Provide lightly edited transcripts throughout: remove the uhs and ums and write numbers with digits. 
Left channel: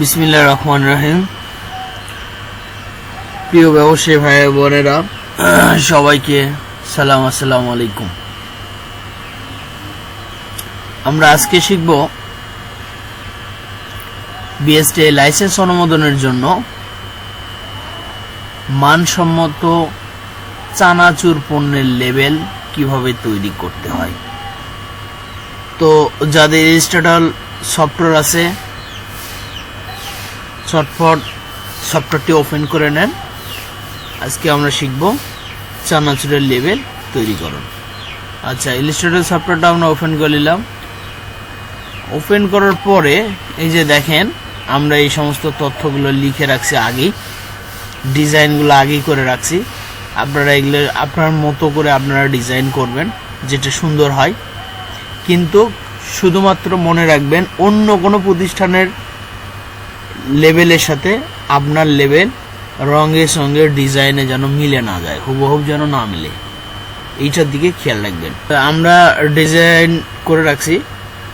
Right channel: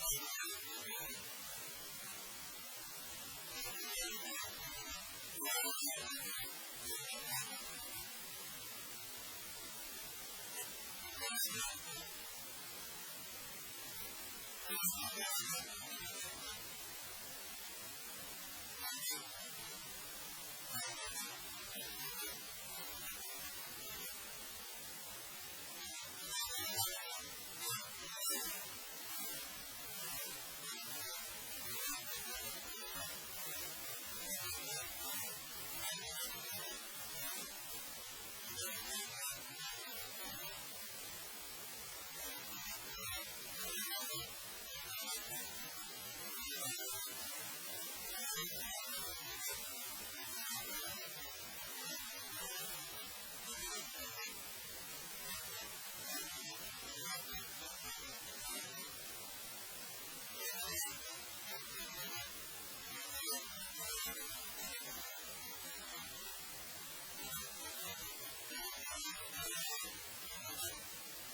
বিসমিল্লাহির রহমানির রহিম। প্রিয় ব্যবসায়ী ভাই বোনেরা, সবাইকে সালাম, আসসালামু আলাইকুম। আমরা আজকে শিখব বিএসটিআই লাইসেন্স অনুমোদনের জন্য মানসম্মত চানাচুর পণ্যের লেবেল কিভাবে তৈরি করতে হয়। তো যাদের রেজিস্টার্ড সফটওয়্যার আছে, চটপট সফটওয়্যারটি ওপেন করে নেন। আজকে আমরা শিখব চানাচুরের লেবেল তৈরিকরণ। আচ্ছা, ইলাস্ট্রেটর সফটওয়্যারটা আমরা ওপেন করে নিলাম। ওপেন করার পরে এই যে দেখেন, আমরা এই সমস্ত তথ্যগুলো লিখে রাখছি আগেই, ডিজাইনগুলো আগেই করে রাখছি। আপনারা এগুলো আপনার মতো করে আপনারা ডিজাইন করবেন, যেটা সুন্দর হয়। কিন্তু শুধুমাত্র মনে রাখবেন, অন্য কোনো প্রতিষ্ঠানের লেবেলের সাথে আপনার লেবেল রঙের সঙ্গে ডিজাইনে যেন মিলে না যায়, হুবহুব যেন না মিলে, এইটার দিকে খেয়াল রাখবেন। আমরা ডিজাইন করে রাখছি,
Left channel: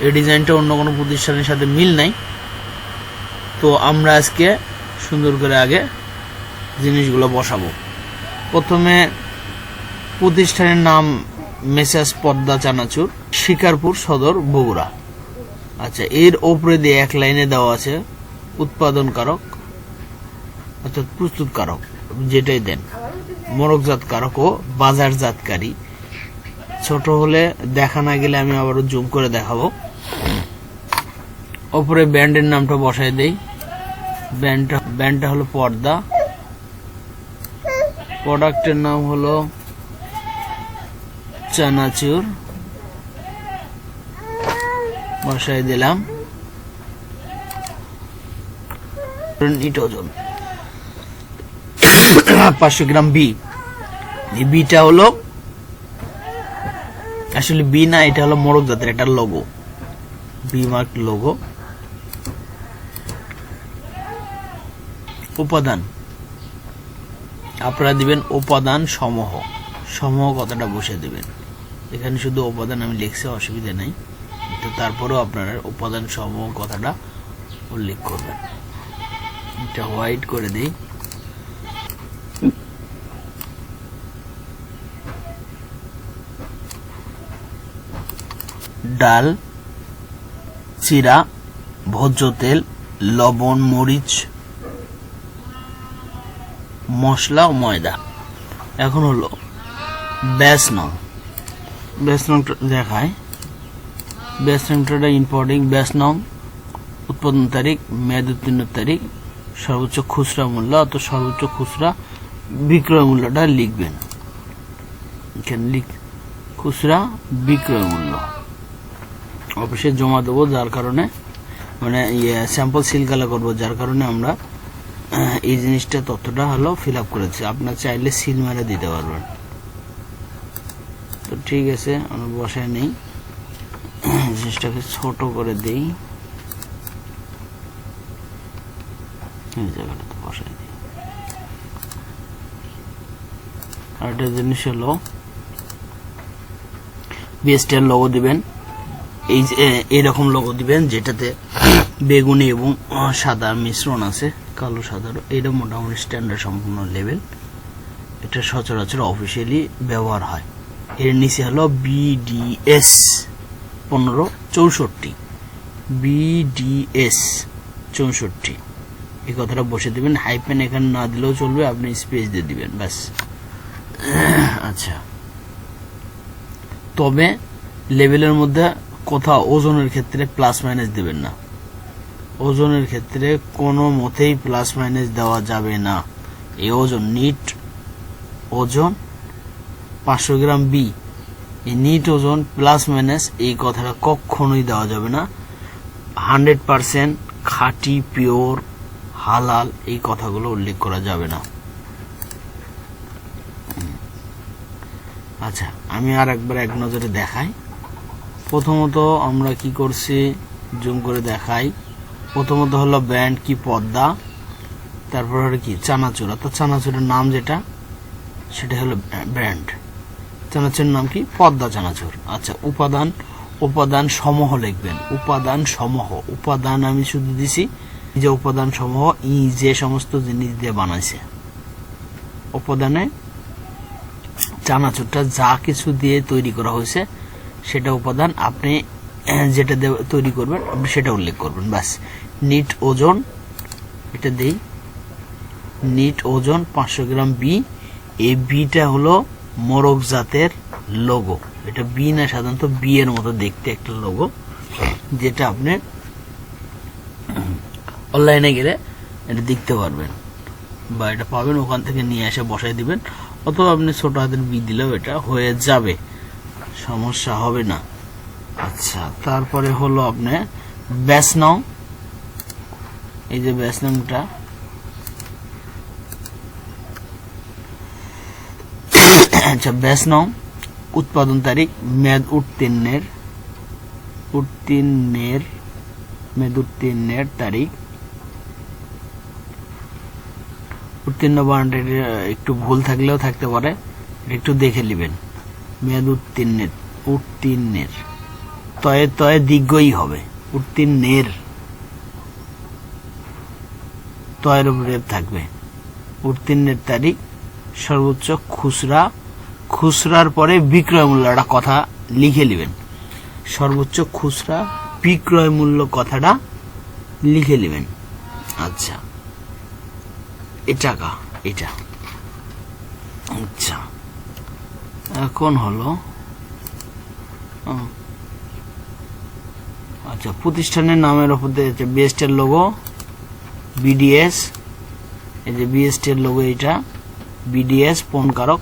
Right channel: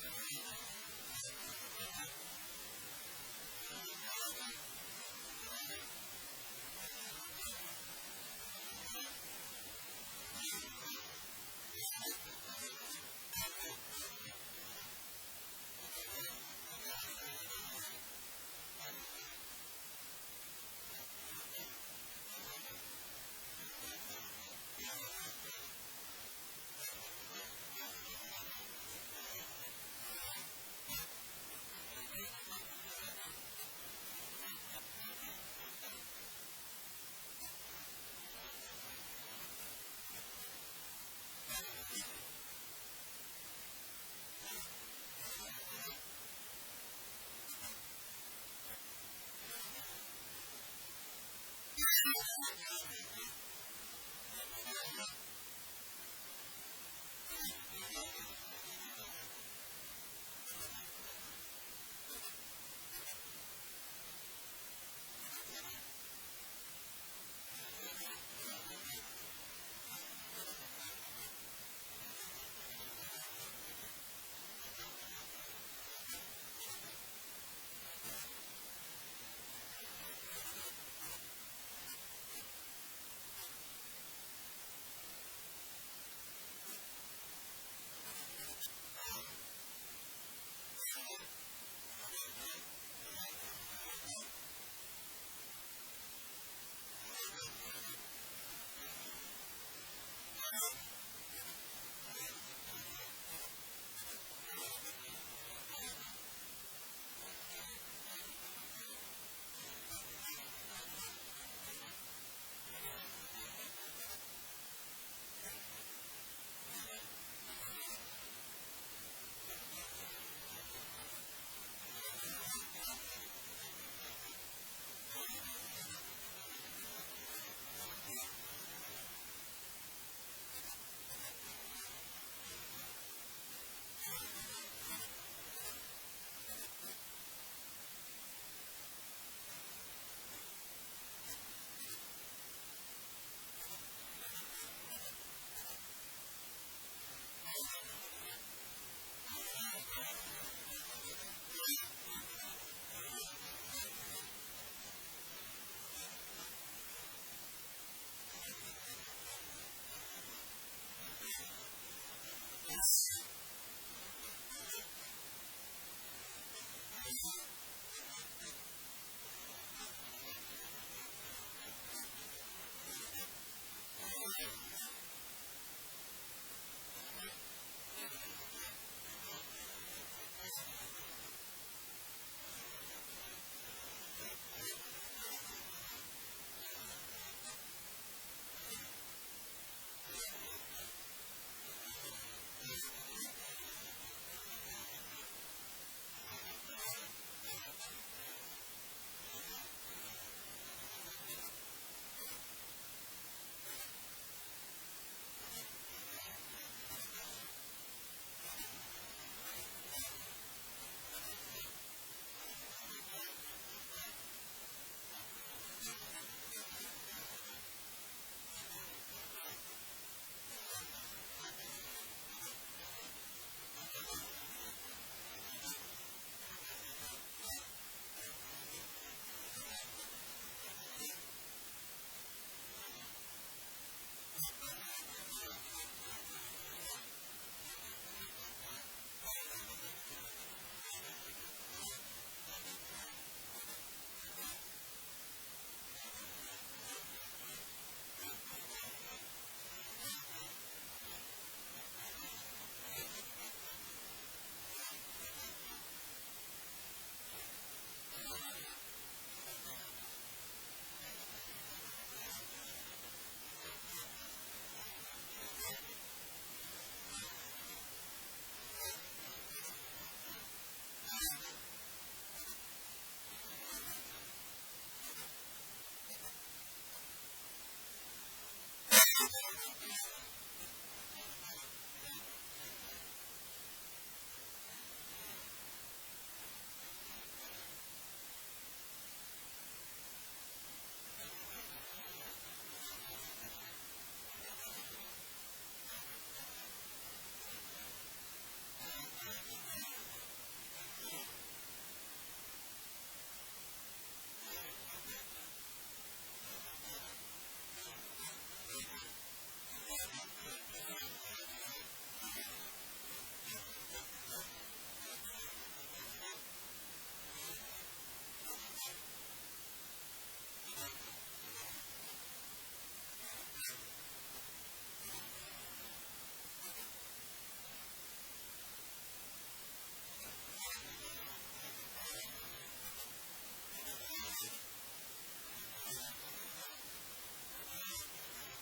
এই ডিজাইনটা অন্য কোনো প্রতিষ্ঠানের সাথে মিল নাই। তো আমরা আজকে সুন্দর করে আগে জিনিসগুলো বসাবো। প্রথমে প্রতিষ্ঠানের নাম মেসার্স পদ্মা চানাচুর, শিকারপুর সদর, বগুড়া। আচ্ছা, এর ওপরে দিয়ে এক লাইনে দেওয়া আছে উৎপাদনকারক অর্থাৎ প্রস্তুতকারক, যেটাই দেন, মোড়কজাতকারক ও বাজারজাতকারী। ছোট হলে দেখা না গেলে আমি আবারও জুম করে দেখাবো। ওপরে ব্র্যান্ডের নামটা বসাই দেই। ব্র্যান্ডটা হলো পর্দা, প্রোডাক্টের নাম হলো চানাচুর, বসাই দিলাম। ইট ওজন 500 গ্রাম। বিটা হলো আসলে বি না, এটা হলো মোড়ক জাতের একটা লোগো, বি মার্ক লোগো। উপাদান আপনারা দিবেন উপাদান সমূহ, সমূহ কথাটা বসে দিবেন। এখানে শুধু উপাদান আমি লিখছি, অসুবিধা নাই, তো তারপরেও আপনারা উপাদান সমূহ কথাটা উল্লেখ করবেন। এটা হোয়াইট করে দিই। ডাল, চিরা, ভোজ্য তেল, লবণ, মরিচ, মশলা ও ময়দা। এখন হলো ব্যাচ নং। ব্যাচ নং দেখায়, ব্যাচ নংটা ইম্পর্টেন্ট। ব্যাচ নং, উৎপাদন তারিখ, মেয়াদ উত্তীর্ণের তারিখ, সর্বোচ্চ খুচরা মূল্য অথবা সর্বোচ্চ খুচরা বিক্রয় মূল্যটা লিখবেন। এখানে খুচরা বিক্রয় মূল্য অফিসে জমা দেবো, যার কারণে মানে স্যাম্পল সিল কালা করবো, যার কারণে আমরা এই জিনিসটা তথ্যটা হলো ফিল আপ করেছি। আপনার চাইলে সিল মেরে দিতে পারবেন। তো ঠিক আছে, আমরা বসায় নেই, জিনিসটাকে ছোট করে দিই, এই জায়গাটাতে বসায় দিই। আর একটা জিনিস হলো বিএসটিআই লোগো দিবেন। এইরকম লোগো দিবেন যেটাতে বেগুনি এবং সাদা মিশ্রণ আছে, কালো সাদা। এটা মোটামুটি স্ট্যান্ডার্ড সম্পূর্ণ লেভেল, এটা সচরাচর অফিসিয়ালি ব্যবহার হয়। এর নিচে হলো বিডিএস 1564, বিডিএস 64, এই কথাটা বসে দিবেন। হাইপেন এখানে না দিলেও চলবে, আপনি স্পেস দিয়ে দিবেন, ব্যাস। আচ্ছা, তবে লেভেলের মধ্যে কোথাও ওজনের ক্ষেত্রে প্লাস মাইনাস দিবেন না। ওজনের ক্ষেত্রে কোনো মতেই প্লাস মাইনাস দেওয়া যাবে না। এই ওজন, নিট ওজন 500 গ্রাম বি, এই নিট ওজন প্লাস মাইনাস এই কথাটা কখনোই দেওয়া যাবে না। 100% খাঁটি, পিওর, হালাল, এই কথাগুলো উল্লেখ করা যাবে না। আচ্ছা, আমি আর একবার এক নজরে দেখাই। প্রথমত আমরা কি করছি, জুম করে দেখাই। প্রথমত হলো ব্র্যান্ড কি, পদ্মা। তারপর হলো কি, চানাচুর, অর্থাৎ চানাচুরের নাম যেটা, সেটা হলো ব্র্যান্ড। চানাচুরের নাম কি, পদ্মা চানাচুর। আচ্ছা, উপাদান, উপাদান সমূহ লিখবেন, উপাদান সমূহ। উপাদান আমি শুধু দিছি যে উপাদান সমূহ যে সমস্ত জিনিস দিয়ে বানাইছে, উপাদানে চানাচুরটা যা কিছু দিয়ে তৈরি করা হয়েছে সেটা উপাদান আপনি যেটা দিয়ে তৈরি করবেন আপনি সেটা উল্লেখ করবেন। ব্যাস। নিট ওজন, এটা দেই, নিট ওজন 500 গ্রাম বি। এই বিটা হলো মোরগ জাতের লোগো। এটা বি না, সাধারণত বি এর মতো দেখতে একটা লোগো, যেটা আপনি অনলাইনে গেলে এটা দেখতে পারবেন বা এটা পাবেন, ওখান থেকে নিয়ে এসে বসাই দিবেন, অথবা আপনি ছোট হাতের বি দিলেও এটা হয়ে যাবে, সমস্যা হবে না। আচ্ছা, তারপরে হলো আপনি ব্যাচ নং। এই যে ব্যাচ নংটা, আচ্ছা ব্যাচ নং, উৎপাদন তারিখ, মেয়াদ উত্তীর্ণের তারিখ, উত্তীর্ণ বানানটা একটু ভুল থাকলেও থাকতে পারে, একটু দেখে নেবেন। মেয়াদ উত্তীর্ণের তয়ে তয়ে দীর্ঘই হবে, উত্তীর্ণের তয়ের উপরে থাকবে। উত্তীর্ণের তারিখ, সর্বোচ্চ খুচরার পরে বিক্রয় মূল্য, একটা কথা লিখে নেবেন। সর্বোচ্চ খুচরা বিক্রয় মূল্য কথাটা লিখে নেবেন। আচ্ছা, এটা আচ্ছা, এখন হলো আচ্ছা প্রতিষ্ঠানের নামের উপর বিএসটি এর লোগো, বিডিএস। এই যে বিএসটি এর লোগো, এটা বিডিএস পণকারক,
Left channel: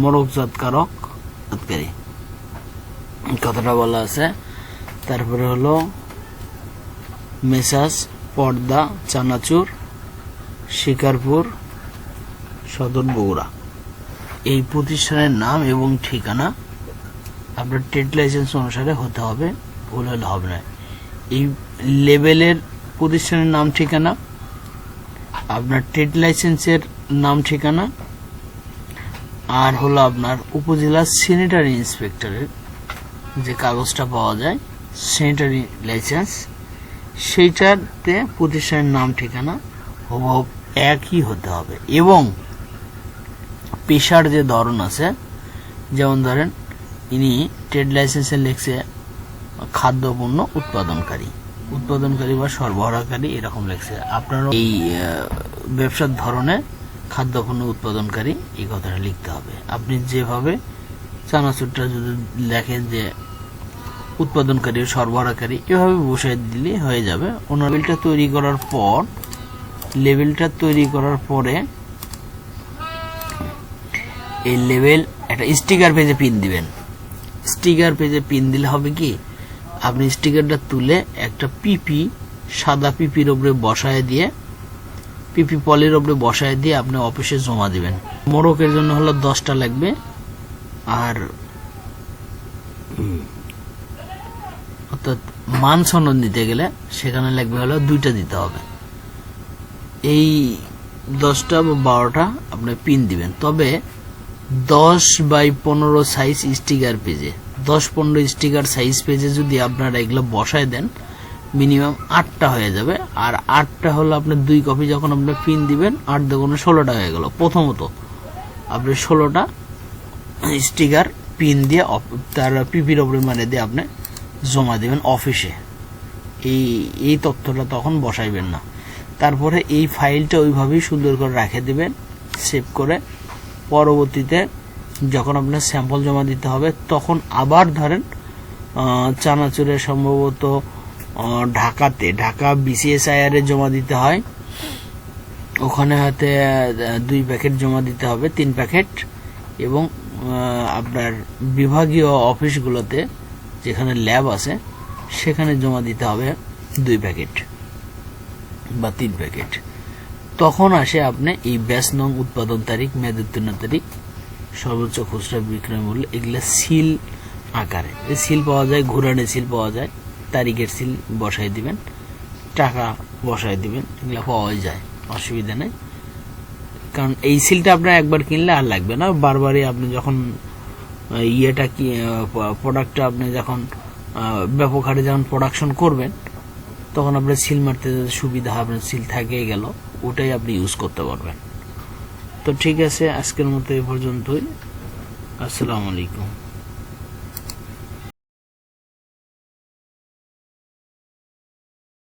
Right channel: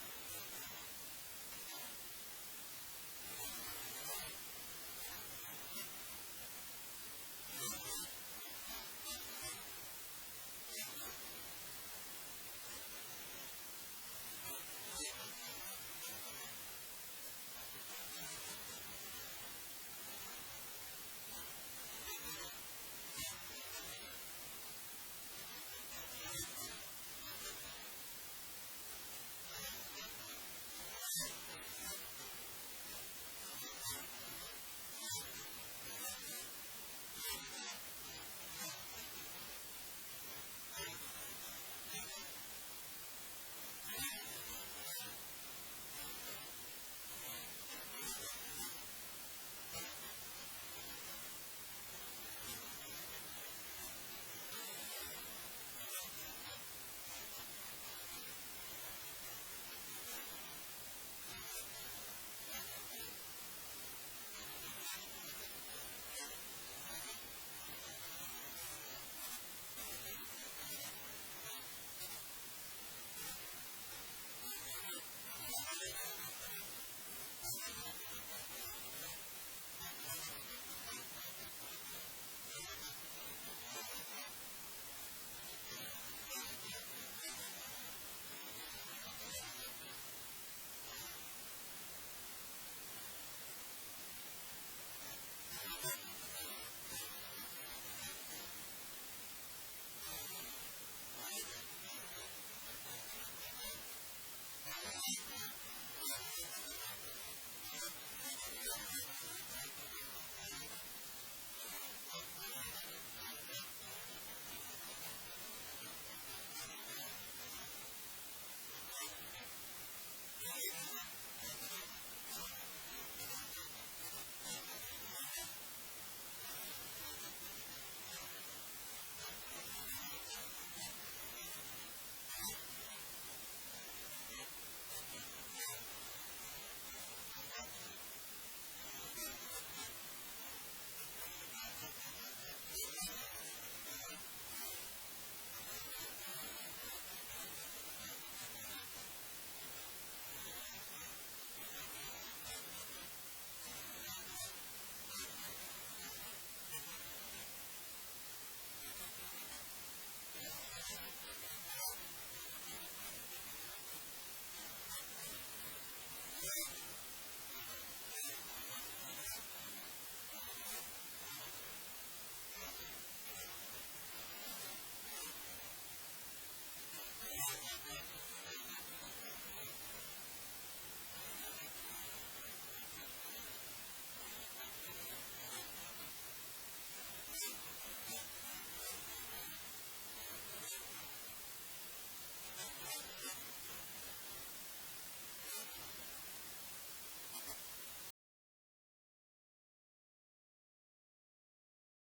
মোড়কজাতকারী, কথাটা বলা আছে। তারপরে হলো মেসাজ পর্দা চানাচুর, শিকারপুর সদর, বগুড়া। এই প্রতিষ্ঠানের নাম এবং ঠিকানা আপনার ট্রেড লাইসেন্স অনুসারে হতে হবে, ভুল হলে হবে না। এই লেভেলের প্রতিষ্ঠানের নাম ঠিকানা, আপনার ট্রেড লাইসেন্সের নাম ঠিকানা, আর হলো আপনার উপজেলা স্যানিটারি ইন্সপেক্টরের যে কাগজটা পাওয়া যায়, স্যানিটারি লাইসেন্স, সেইটাতে প্রতিষ্ঠানের নাম ঠিকানা হুবহু একই হতে হবে। এবং পেশার যে ধরন আছে, যেমন ধরেন ইনি ট্রেড লাইসেন্সে লিখছে খাদ্যপণ্য উৎপাদনকারী বা সরবরাহকারী, এরকম লিখছে। আপনারও এই ব্যবসার ধরনে খাদ্যপণ্য উৎপাদনকারী এই কথাটা লিখতে হবে। আপনি যেভাবে চানাচুরটা যদি লেখেন যে উৎপাদনকারী সরবরাহকারী, এভাবে বসাই দিলে হয়ে যাবে। লেভেলটা তৈরি করার পরে এই লেভেল একটা স্টিকার পেজে পিন দিবেন। স্টিকার পেজে পিন দিলে হবে কি, আপনি স্টিকারটা তুলে একটা সাদা পিপির উপরে বসায় দিয়ে, পিপি পলির উপরে বসায় দিয়ে আপনি অফিসে জমা দিবেন। মোড়কের জন্য হলো 10টা লাগবে, আর অর্থাৎ মান সনদ নিতে গেলে সেখানে লাগবে হলো 2টা দিতে হবে। এই 10টা বা 12টা আপনি পিন দিবেন। তবে 10x15 সাইজ স্টিকার পেজে, 10-15 স্টিকার সাইজ পেজে যদি আপনারা এগুলো বসায় দেন, মিনিমাম 8টা হয়ে যাবে। আর 8টা হলো আপনার 2 কপি, যখন আপনি পিন দিবেন 8 দুগুণে 16টা হয়ে গেল। প্রথমত আপনি 16টা স্টিকার পিন দিয়ে তার পিপির উপরে মানে দিয়ে আপনি জমা দিবেন অফিসে। এই তথ্যটা তখন বসাইবেন না। তারপরে এই ফাইলটা ওইভাবেই সুন্দর করে রেখে দিবেন সেভ করে। পরবর্তীতে যখন আপনার স্যাম্পল জমা দিতে হবে, তখন আবার ধরেন চানাচুরে সম্ভবত ঢাকা BCSIR এ জমা দিতে হয়, ওখানে হয়তো 2 প্যাকেট জমা দিতে হবে, 3 প্যাকেট। এবং আপনার বিভাগীয় অফিসগুলোতে যেখানে ল্যাব আছে সেখানে জমা দিতে হবে 2 প্যাকেট বা 3 প্যাকেট। তখন আসে আপনি এই ব্যাচ নং, উৎপাদন তারিখ, মেয়াদ উত্তীর্ণ তারিখ, সর্বোচ্চ খুচরা বিক্রয় মূল্য, এগুলা সিল আকারে। সিল পাওয়া যায়, ঘুরানে সিল পাওয়া যায়, তারিখের সিল বসাই দিবেন, টাকা বসাই দিবেন, এগুলা পাওয়াই যায়, অসুবিধা নেই। কারণ এই সিলটা আপনার একবার কিনলে আর লাগবে না, বারবারই আপনি যখন প্রোডাক্টটা আপনি যখন ব্যাপক হারে যখন প্রোডাকশন করবেন, তখন আপনার সিল মারতে যাতে সুবিধা হবে, সিল থাকিয়ে গেল, ওটাই আপনি ইউজ করতে পারবেন। তো ঠিক আছে, আজকের মতো এ পর্যন্তই। আসসালামু আলাইকুম।